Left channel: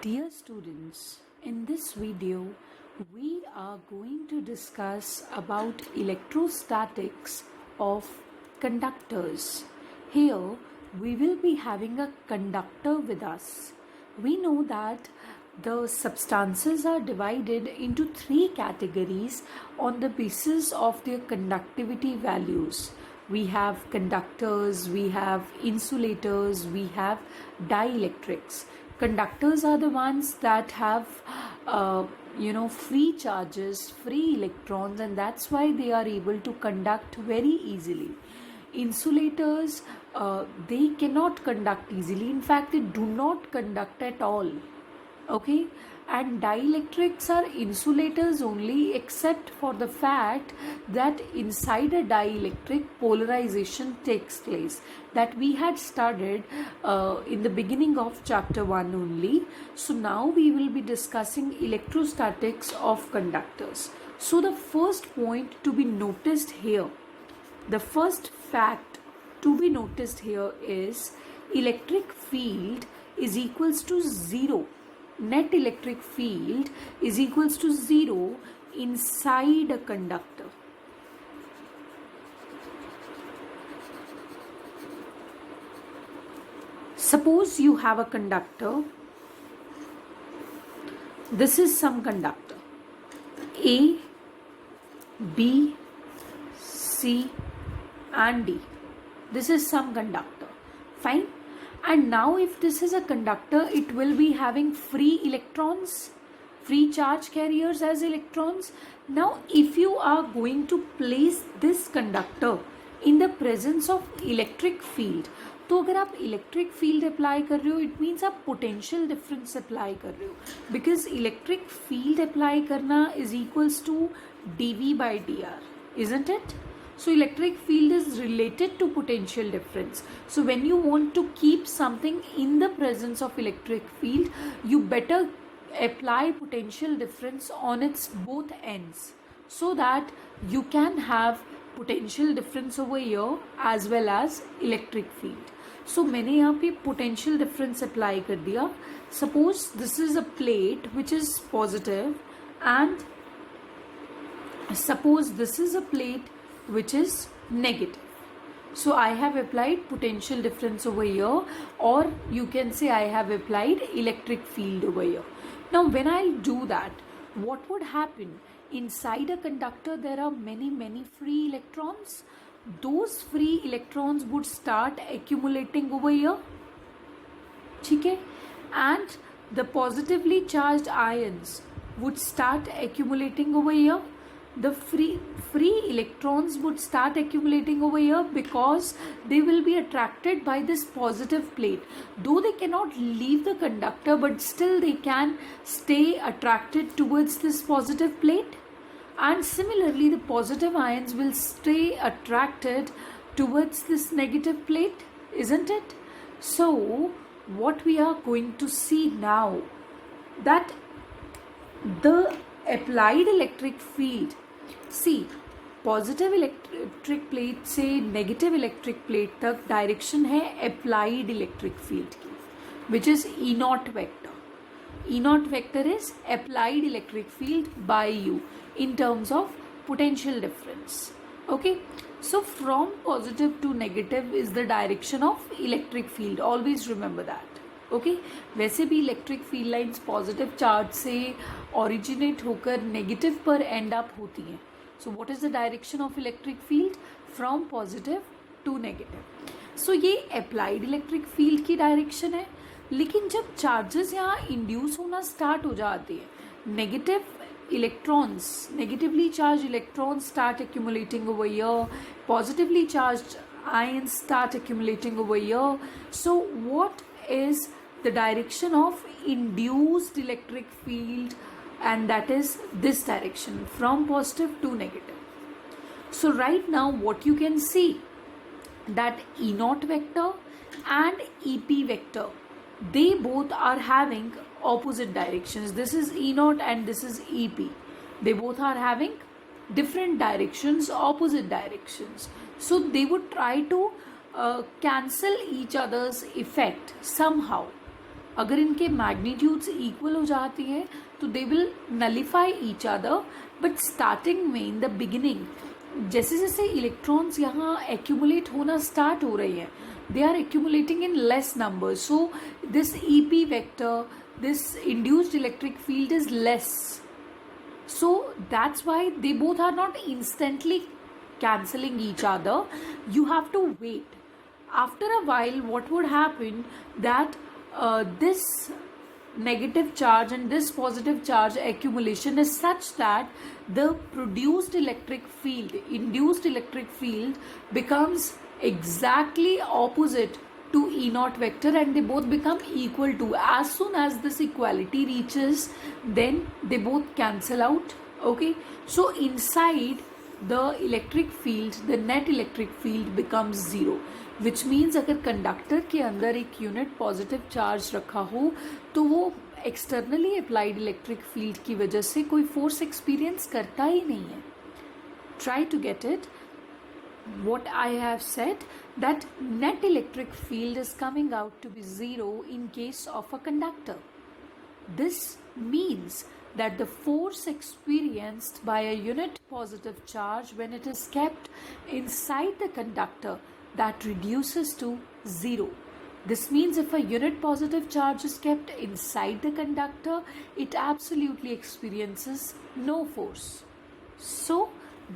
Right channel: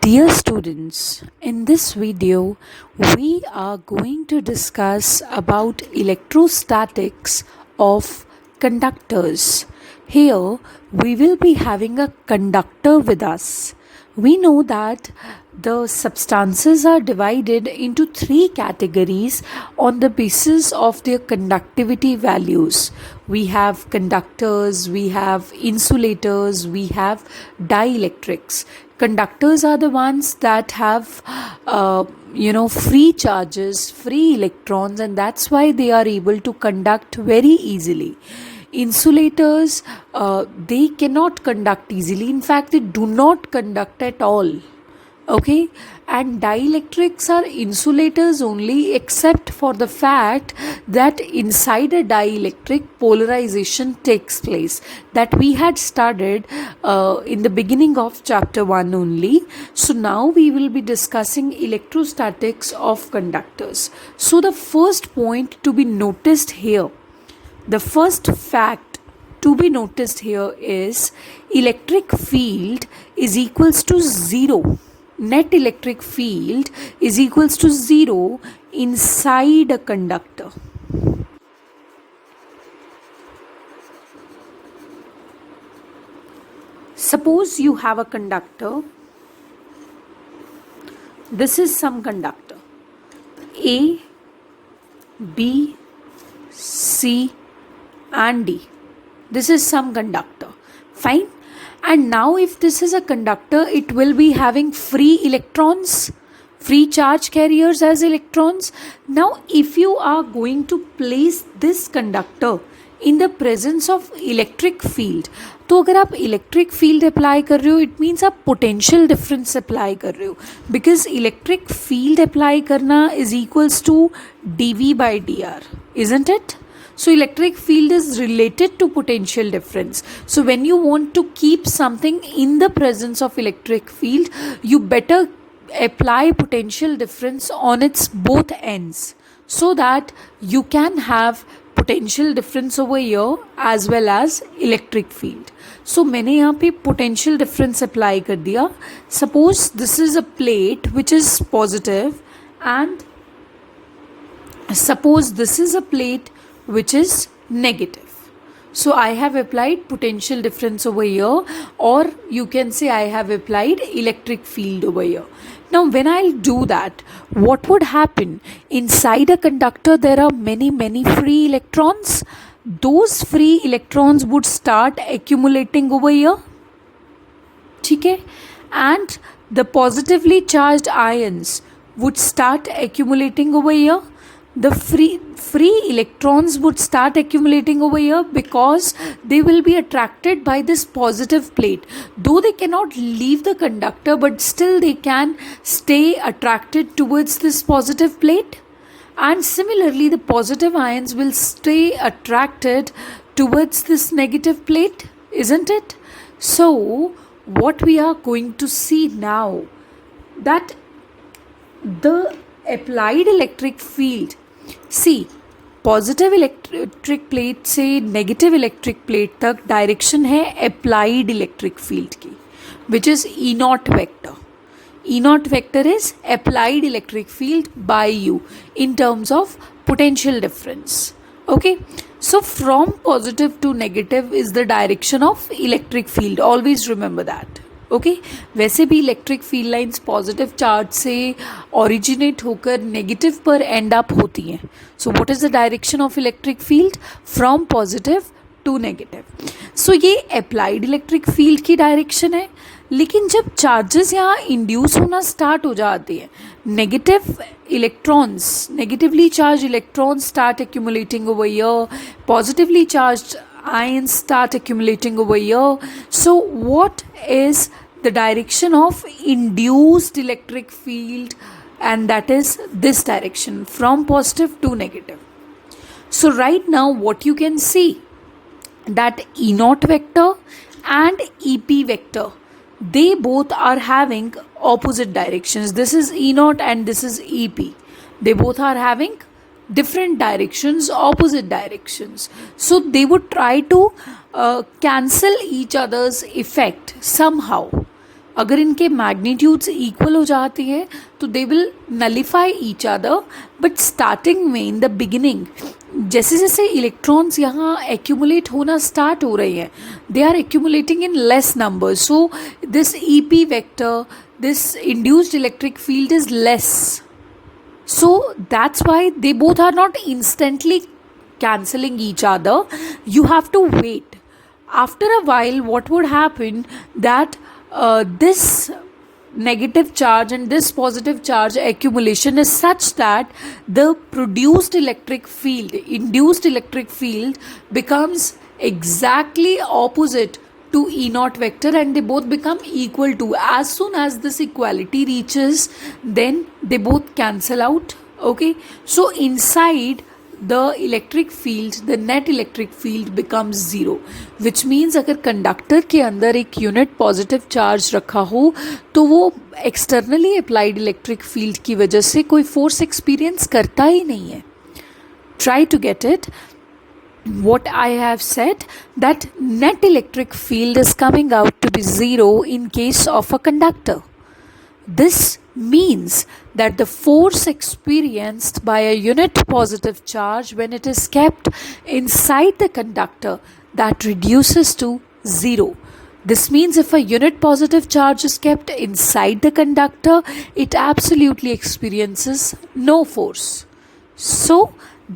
Dear students, in this video, we are going to discuss about electrostatics of conductors. Here, we will be having a conductor with us. We know that the substances are divided into three categories on the basis of their conductivity values. We have conductors, we have insulators, we have dielectrics. Conductors are the ones that have free charges, free electrons, and that's why they are able to conduct very easily. Insulators, they cannot conduct easily. In fact, they do not conduct at all. Okay, and dielectrics are insulators only, except for the fact that inside a dielectric polarization takes place, that we had studied in the beginning of chapter 1 only. So now we will be discussing electrostatics of conductors. So the first point to be noticed here, the first fact to be noticed here is electric field is equals to 0. Net electric field is equals to 0 inside a conductor. Suppose you have a conductor. This is some conductor A, B, C and D. This is some conductor. Fine. And now if this is a conductor, it will be having free electrons, free charge carriers as electrons. Now if you are going to place this conductor in the presence of electric field, तो अगर आप electric field apply कर रहे हो, it means आप potential difference apply कर रहे हो, बिकॉज इलेक्ट्रिक फील्ड अप्लाई करना is equals to dV/dr, isn't it? So electric field is related to potential difference. So when you want to keep something in the presence of electric field, you better apply potential difference on its both ends, so that you can have potential difference over here as well as electric field. So मैंने यहाँ पे potential difference apply कर दिया. Suppose this is a plate which is positive, and suppose this is a plate which is negative. So I have applied potential difference over here, or you can say I have applied electric field over here. Now when I'll do that, what would happen? Inside a conductor there are many free electrons. Those free electrons would start accumulating over here. Okay? And the positively charged ions would start accumulating over here. The free electrons would start accumulating over here because they will be attracted by this positive plate. Though they cannot leave the conductor, but still they can stay attracted towards this positive plate. And similarly, the positive ions will stay attracted towards this negative plate, isn't it? So what we are going to see now, that the applied electric field, see, positive electric plate से negative electric plate तक direction है applied electric field की, which is E not vector. E naught vector is applied electric field by you in terms of potential difference. Okay, so from positive to negative is the direction of electric field. Always remember that. Okay वैसे भी electric field lines positive charge से originate होकर negative पर end up होती हैं. So what is the direction of electric field? From positive to negative. So ये applied electric field की direction है. लेकिन जब चार्जेस यहाँ इंड्यूस होना स्टार्ट हो जाते हैं, negative electrons, negatively charge electrons start accumulating over here, positively charge ions start accumulating over here. So what is the direction of induced electric field? And that is this direction, from positive to negative. So right now what you can see, that E naught vector and EP vector, they both are having opposite directions. This is E naught and this is EP. They both are having different directions, opposite directions. So they would try to cancel each other's effect somehow. अगर इनके magnitudes equal हो जाती है तो they will nullify each other, but starting में in the beginning जैसे जैसे electrons यहाँ एक्यूमुलेट होना स्टार्ट हो रही हैं, they are accumulating in less number, so this E P vector, this induced electric field is less. So that's why they both are not instantly cancelling each other. You have to wait. After a while, what would happen that this negative charge and this positive charge accumulation is such that the produced electric field, induced electric field becomes exactly opposite to E naught vector, and they both become equal to. As soon as this equality reaches, then they both cancel out. Okay, so inside the electric field, the net electric field becomes zero, which means अगर conductor के अंदर एक unit positive charge रखा हो तो वो externally applied electric field की वजह से कोई फोर्स एक्सपीरियंस करता ही नहीं है. Try to get it. What I have said, that net electric field is coming out to be zero in case of a conductor. This means that the force experienced by a unit positive charge when it is kept inside the conductor, that reduces to zero. This means if a unit positive charge is kept inside the conductor, it absolutely experiences no force. So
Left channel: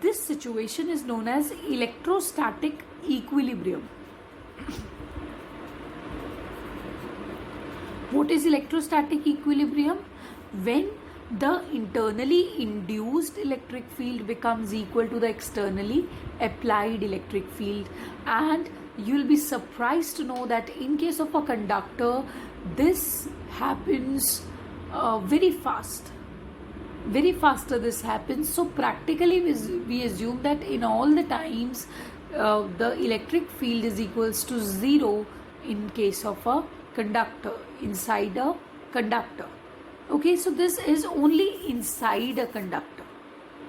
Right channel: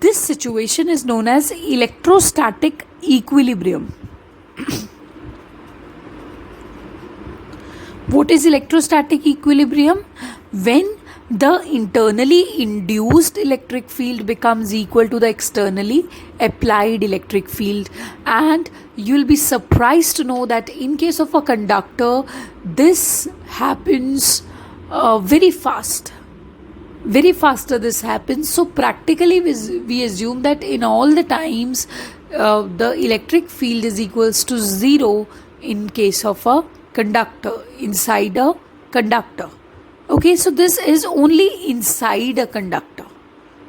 this situation is known as electrostatic equilibrium. What is electrostatic equilibrium? When the internally induced electric field becomes equal to the externally applied electric field. And you'll be surprised to know that in case of a conductor, this happens very fast. Very faster this happens. So practically we assume that in all the times the electric field is equals to zero in case of a conductor, inside a conductor. Okay, so this is only inside a conductor.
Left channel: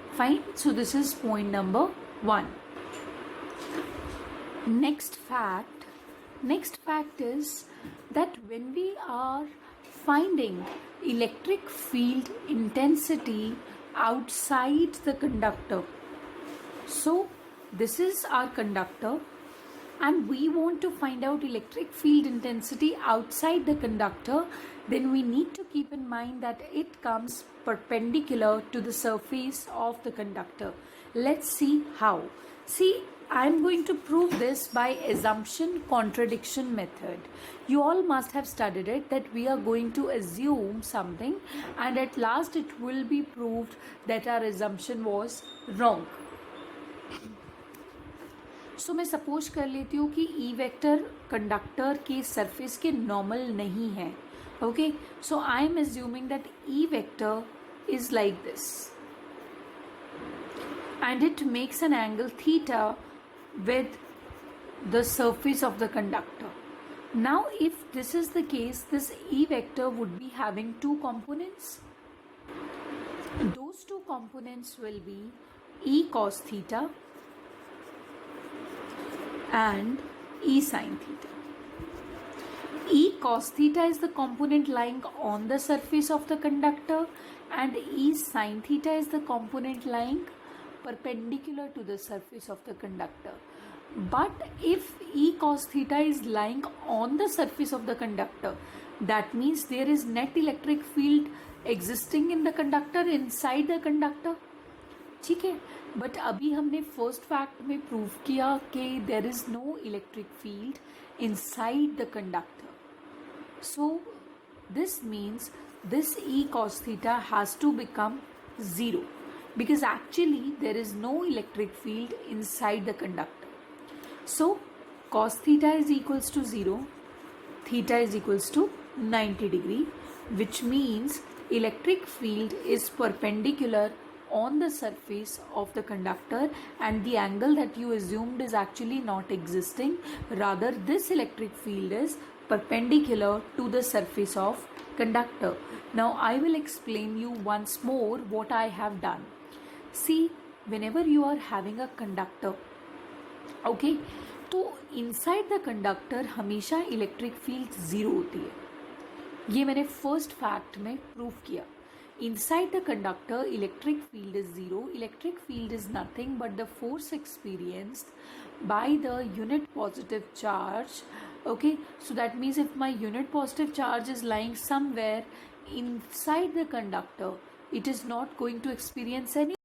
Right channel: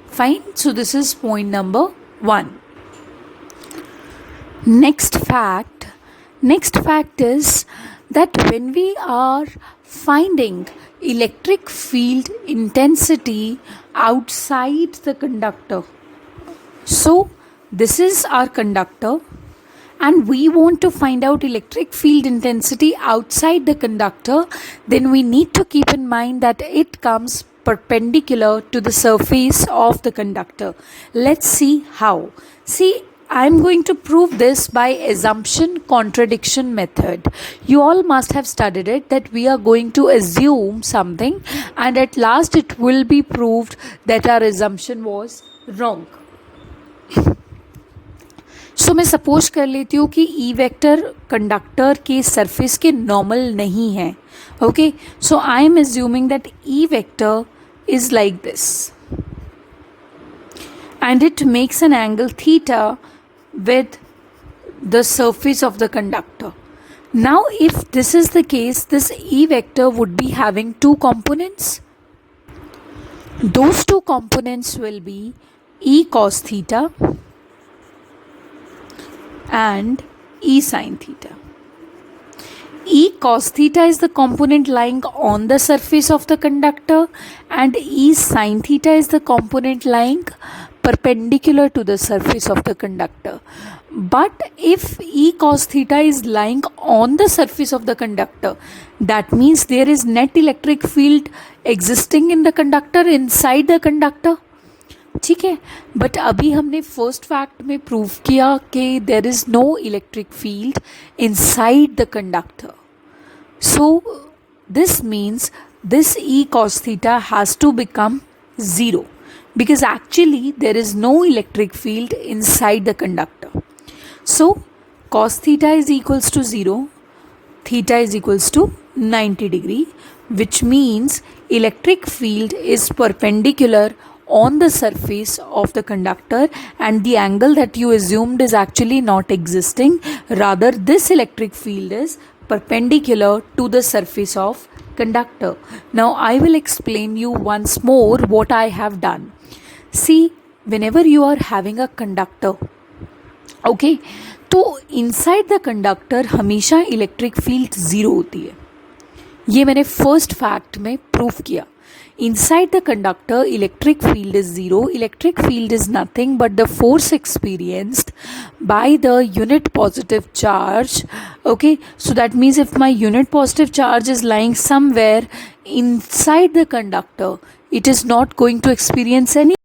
Fine. So this is point number 1. Next fact is that when we are finding electric field intensity outside the conductor, so this is our conductor and we want to find out electric field intensity outside the conductor, then we need to keep in mind that it comes perpendicular to the surface of the conductor. Let's see how. See, I'm going to prove this by assumption contradiction method. You all must have studied it, that we are going to assume something and at last it will be proved that our assumption was wrong. So मैं suppose कर लेती हूँ कि E vector conductor के surface के normal नहीं है. Okay, so I am assuming that E vector is like this and it makes an angle theta with the surface of the conductor. Now if this is the case, this E vector would be having two components. Those two components will be E cos theta and E sin theta. E cos theta is the component lying on the surface of the conductor and E sin theta is the component lying perpendicular to the surface of the conductor. But if E cos theta is lying on the surface of the conductor, that means there is net electric field existing in the conductor, inside the conductor. ठीक है, but अभी हमने first fact में prove किया कि there is no electric field inside the conductor. So this means this E cos theta has to become zero, because actually there is no electric field inside the conductor. So cos theta is equals to 0, theta is equals to 90 degree, which means electric field is perpendicular on the surface of the conductor and the angle that you assumed is actually not existing. Rather, this electric field is perpendicular to the surface of conductor. Now I will explain you once more what I have done. See, whenever you are having a conductor, okay, तो inside the conductor हमेशा electric field zero होती है. ये मैंने first fact में prove किया. Inside the conductor, electric field is zero. Electric field is nothing but the force experienced by the unit positive charge. Okay, so that means if my unit positive charge is lying somewhere inside the conductor, it is not going to experience any